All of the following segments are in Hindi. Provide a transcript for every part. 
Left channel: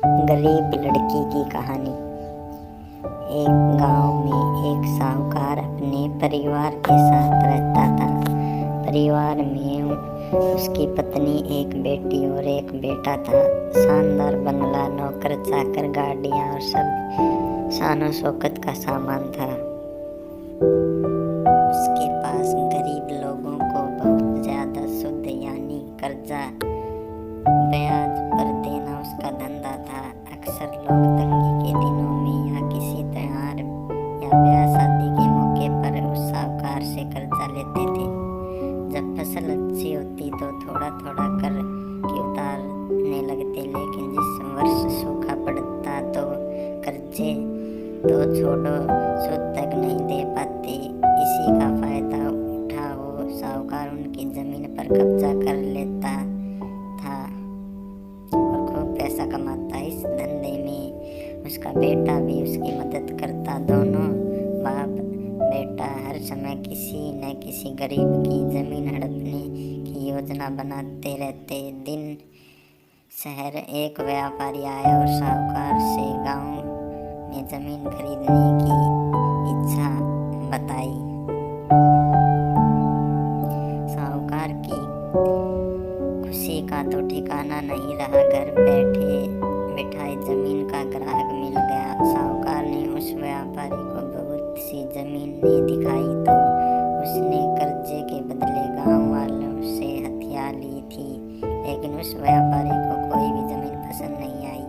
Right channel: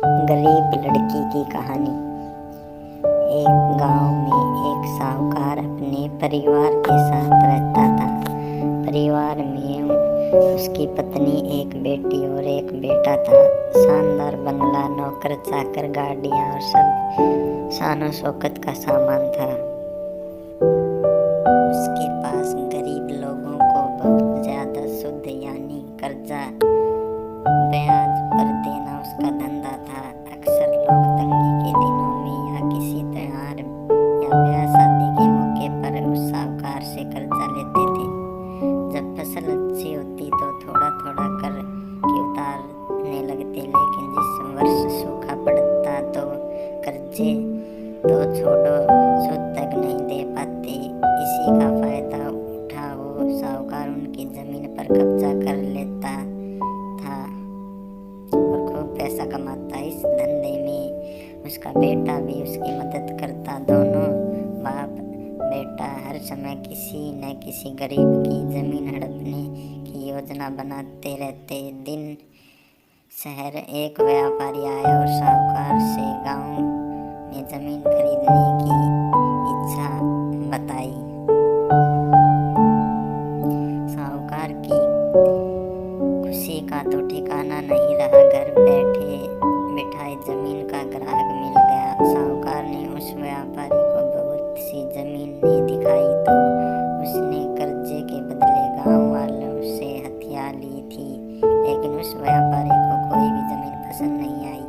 गरीब लड़की की कहानी। एक गांव में एक साहूकार अपने परिवार के साथ रहता था। परिवार में उसकी पत्नी, एक बेटी और एक बेटा था। शानदार बंगला, नौकर चाकर, गाड़ियां और सब शानो शौकत का सामान था। उसके पास गरीब लोगों को बहुत ज्यादा शुद्ध यानी कर्जा ब्याज पर देना उसका धंधा था। अक्सर लोग तंगी के दिनों में या किसी त्योहार या ब्याह शादी के मौके पर उस साहूकार से कर्जा लेते थे। जब फसल अच्छी होती तो थोड़ा थोड़ा कर के उतारने लगते, लेकिन जिस वर्ष सूखा पड़ता तो कर्जे तो छोड़ो, सूद तक नहीं दे पाते। इसी का फायदा उठा वो साहूकार उनकी जमीन पर कब्जा कर लेता था और खूब पैसा कमाता। इस धंधे में उसका बेटा भी उसकी मदद करता। दोनों बाप बेटा हर समय किसी न किसी गरीब की जमीन हड़पने की योजना बनाते रहते। दिन शहर एक व्यापारी आया और साहूकार से गांव में जमीन खरीदने की इच्छा बताई। साहूकार की खुशी का तो ठिकाना नहीं रहा। घर बैठे बिठाए जमीन का ग्राहक मिल गया। साहूकार ने उस व्यापारी को बहुत सी जमीनें दिखाई तो उसने कर्जे के बदले गांव वालों से हथिया ली थी, लेकिन उस व्यापारी को कोई भी जमीन पसंद नहीं आई।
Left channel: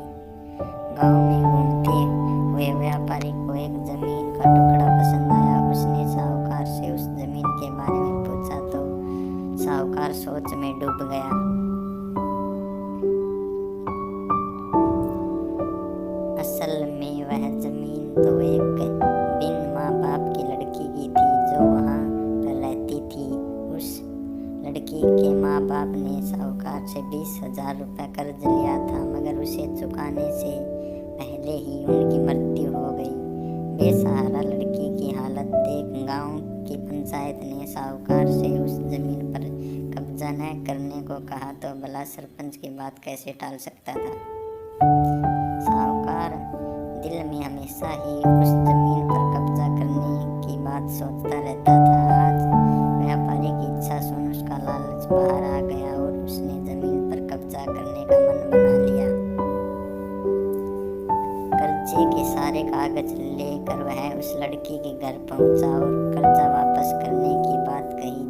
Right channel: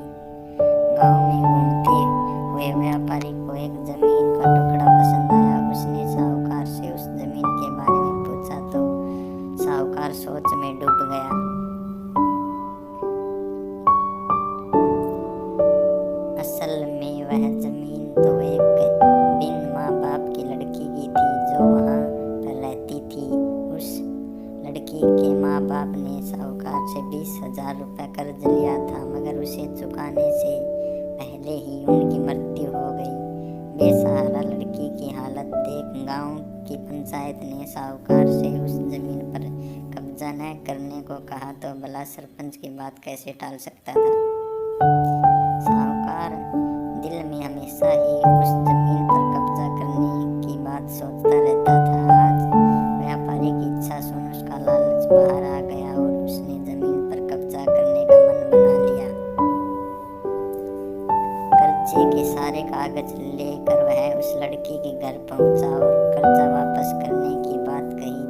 गांव में घूमते हुए व्यापारी को एक जमीन का टुकड़ा पसंद आया। उसने साहूकार से उस जमीन के बारे में पूछा तो साहूकार सोच में डूब गया। असल में वह जमीन तो एक बिन माँ बाप की लड़की की थी जो वहाँ पर रहती थी। उस लड़की के माँ बाप ने साहूकार से 20,000 रुपये कर्ज लिया था, मगर उसे चुकाने से पहले ही उनकी मृत्यु हो गई। बेसहारा लड़की की हालत देख गांव की पंचायत ने साहूकार से उस जमीन पर कब्जा न करने को कहा तो भला सरपंच की बात कैसे टाल सकता था। साहूकार दिल में हमेशा ही उस जमीन पर कब्जा करने की बात सोचता रहता था। आज व्यापारी की इच्छा सुन उसका लालच बाहर आ गया और उसने जमीन पर कब्जा करने का मन बना लिया। कर्जे के सारे कागज लेकर वह उस लड़की के घर पहुंचा और कर्जा वापस करने की बात कही।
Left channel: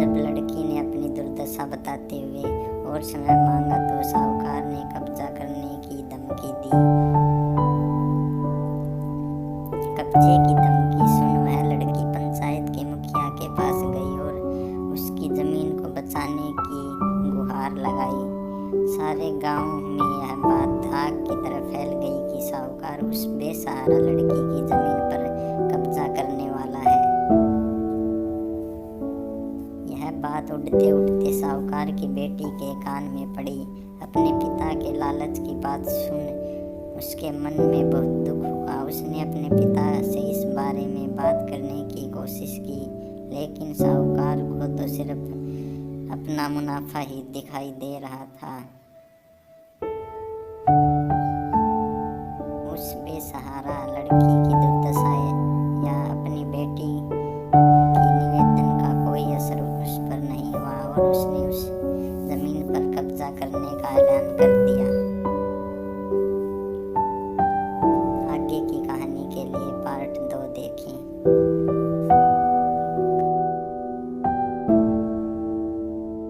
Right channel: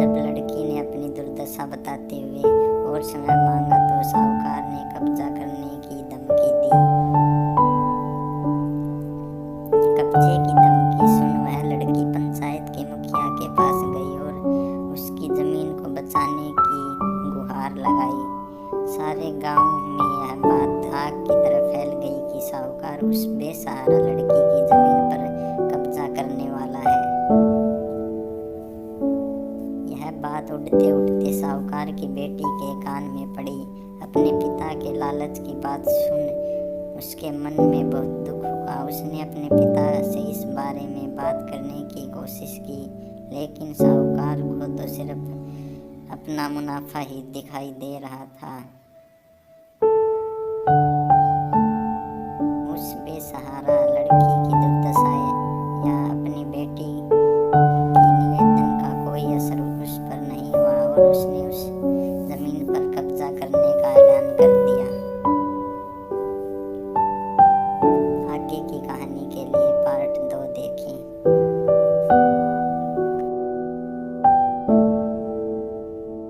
जब लड़की ने अपनी दुर्दशा बताते हुए और समय मांगा तो साहूकार ने कब्जा करने की धमकी दी। कब्जे की धमकी सुन वह लड़की पंचायत के मुखिया के पास गई और उसकी जमीन को बचाने की गुहार लगाई। सारे गांव में यह बात आग की तरह फैल गई कि साहूकार उस बेसहारा लड़की की जमीन पर कब्जा करने वाला है। यह बात उड़ते उड़ते साहूकार की बेटी के कान में पड़ी। अपने पिता के लालच की बात सुन उसके मन में बहुत दुख हुआ। उसने अपने पिता से इस बारे में बात करने की कोशिश की, लेकिन साहूकार को तो सिर्फ अपना मुनाफा ही दिखाई दे रहा था।